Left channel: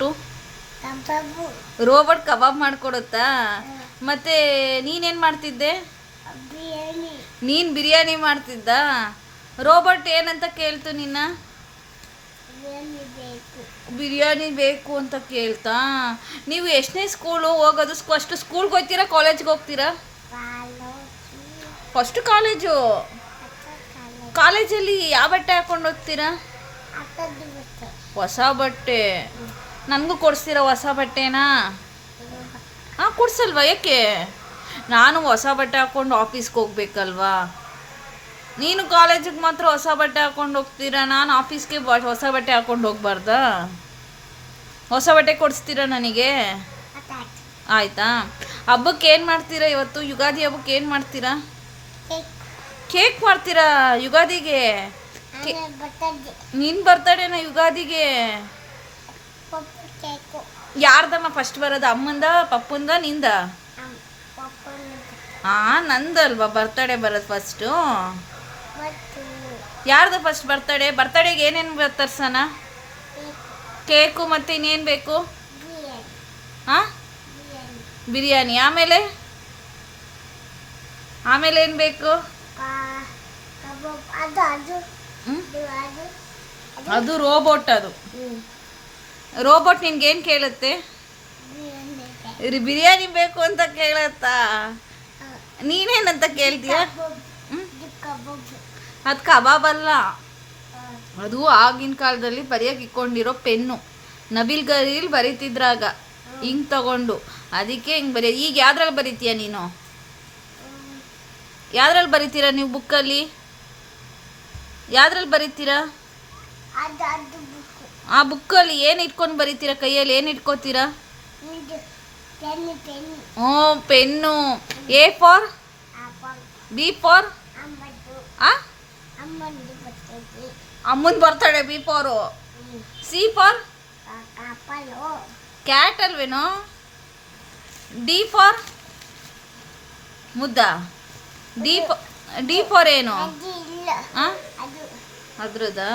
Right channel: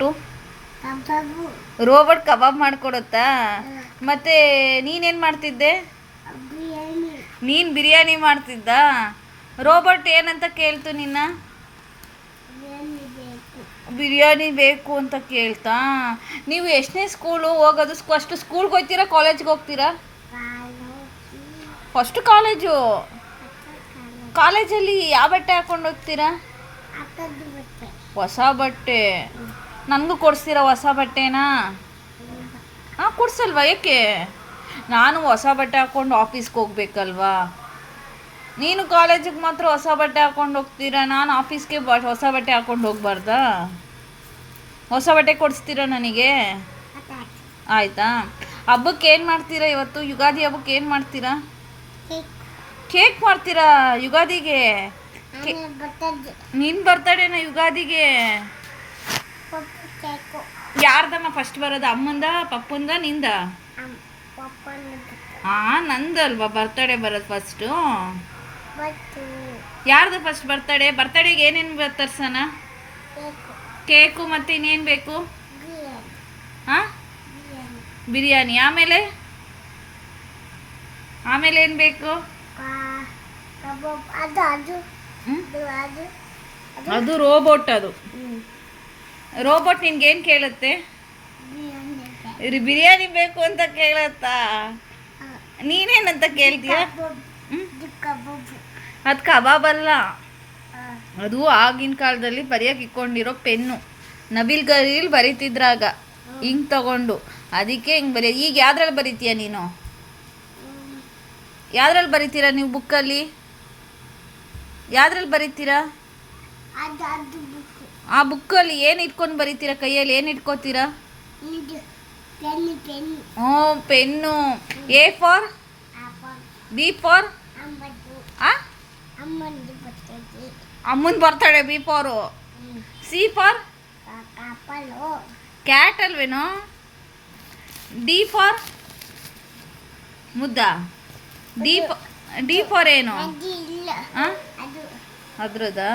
Robot? Robot ಕಬಾಬ್ ಮಾಡಿಕೊಡುತ್ತಾ? ಮತ್ತೆ ನೀನೇನು ಮಾಡ್ತಿದ್ದೆ? ನೀನು ಬಿರಿಯಾನಿ ಮಾಡ್ತಿದ್ದ? ರೋಬೋಟ್ ಏನಂತ ಕೇಳ್ತು ನಿನ್ನ? ಬಿರಿಯಾನಿ ಬೇಕು ಅಂತ ಕೇಳ್ತಾ? ನೀವು ಎಷ್ಟನೇ ಸ್ಕೂಲು ಹೋಗೋದು? ಫಸ್ಟ್ ಸ್ಕೂಲ್ಗೆ ಹೋಗ್ತೀರಾ, ಕಾಲೇಜ್ಗೆ ಹೋಗ್ತೀರಾ? First college. ಕಾಲೇಜಲ್ಲಿ ಯಾವ ಬಟ್ಟೆ ಹಾಕೊಂಡು ಹೋಗ್ತೀರಾ? ಹೊಸ ಬಟ್ಟೆ. ನನಗೂ ಕೊಡಿಸ್ತೀರಾ ಹೊಸ ಬಟ್ಟೆನಾ? ಹಾಂ, ಕೊಡ್ಸಲ್ವಾ? ಏಕೆ? ನಾನು ಹೊಸ ಬಟ್ಟೆ ಹಾಕ್ಕೊಂಡು ಆಫೀಸ್ಗೆ ಹೋಗ್ಬೇಕಲ್ವಾ? ನೀನು ಕಾಲೇಜಿಗೆ ಮಾತ್ರ ಹೊಸ ಬಟ್ಟೆ ಹಾಕ್ಕೊಂಡು ಹೋಗ್ತೀರಾ, ನಾನು ಆಫೀಸ್ಗೆ ಹೊಸ ಬಟ್ಟೆ ಹಾಕ್ಕೊಂಡು ಹೋಗ್ಬಾರ್ದಾ? ಹೊಸ ಬಟ್ಟೆ ಕೊಡಿಸ್ತೀರಾ ನನಗೆ? ಆಯಿತಾ. ಹಬ್ಬಕ್ಕೆ ಏನು ಮಾಡ್ತೀರಾ ಇವತ್ತು? ಯುಗಾದಿ ಹಬ್ಬಕ್ಕೆ ಏನು ಮಾಡ್ತೀರಾ? ಕೇಕ್ ಮಾಡ್ತೀರಾ ಯುಗಾದಿಗೆ? ನಿನ್ನ ಬರ್ತಡೇನ ಯುಗಾದಿಗೆ? ಯಾರ್ದಮ್ಮ ಫಸ್ಟ್ ಬರೋದು? ಅಮ್ಮಂದ, ಪಪ್ಪಂದ, ನಿಂದ? ಹಾಂ, ನಂದಲ್ವಾ ಬರ್ತಡೇ ಬರೋದು ಫಸ್ಟು. ಯಾರ್ದು ಫಸ್ಟ್ ಬರ್ತಡೇ? ಬರ್ತಡೇಗೆ ಏನೇನು ತರ್ಸೋಣ? ಕೇಕು, ಮತ್ತು ಇನ್ನೇನು ಬೇಕು? ಹಾಂ, ಬಿರಿಯಾನಿ. ಆಮೇಲೆ ಆಮೇಲೆ ಏನು ಬೇಕು? ಅದು ರೋಬೋಟ್. ಅದು ರೋಬೋಟ್ ನಿನ್ಗೇನು ಕೇಳುತ್ತೆ? ಬಿರಿಯಾನಿ ಬೇಕು ಅಂತ ಕೇಳುತ್ತಾ? ನೀನೇನಂತ ಕೇಳ್ತೀಯ? ಅದು ಕಬಾಬ್ ಅಲ್ಲ. ಅದು ಆಗಿನ ಕಾಲದಲ್ಲಿ ಬರೆಯೋಕೆ ಇಟ್ಕೊಂಡಿರೋ ಪೆನ್ನು. ನವಿಲ್ ಗರಿಯಲ್ಲಿ ಬರೀತಿದ್ರಾಗ ಹಿಂಗೆ ತಗೊಂಡು, ಅದಕ್ಕೆ ಹಿಂಗೆ ಬರೆಯ. ಈಗ ಯಾವ್ದ್ರಲ್ಲಿ ಬರೀತೀಯ ನೀನು? ಯಾವ್ದ್ರಲ್ಲಿ ಬರೀತೀರಾ ನೀವು ಬುಕ್ಕಲ್ಲಿ? ಯಾವ್ದ್ರಲ್ಲಿ ಬರೀತೀರಾ? ಆ ಬುಕ್ಕಲ್ಲಿ ಏನು ಇಟ್ಕೊಂಡು ಬರೀತೀರಾ? ಕೈಯಲ್ಲಿ ಏನು ಇಟ್ಕೋತೀರಾ? ಹ್ಞೂ, pen. A for? B for? ಅಮ್ಮನ birthday B for. C for? Cat ಅಲ್ವೇನೋ? D for? ಮುದ್ದ. ಡಿ ಫಾರ್ ಏನು? ಹಾಂ, ಅದ್ರದ್ದಾ?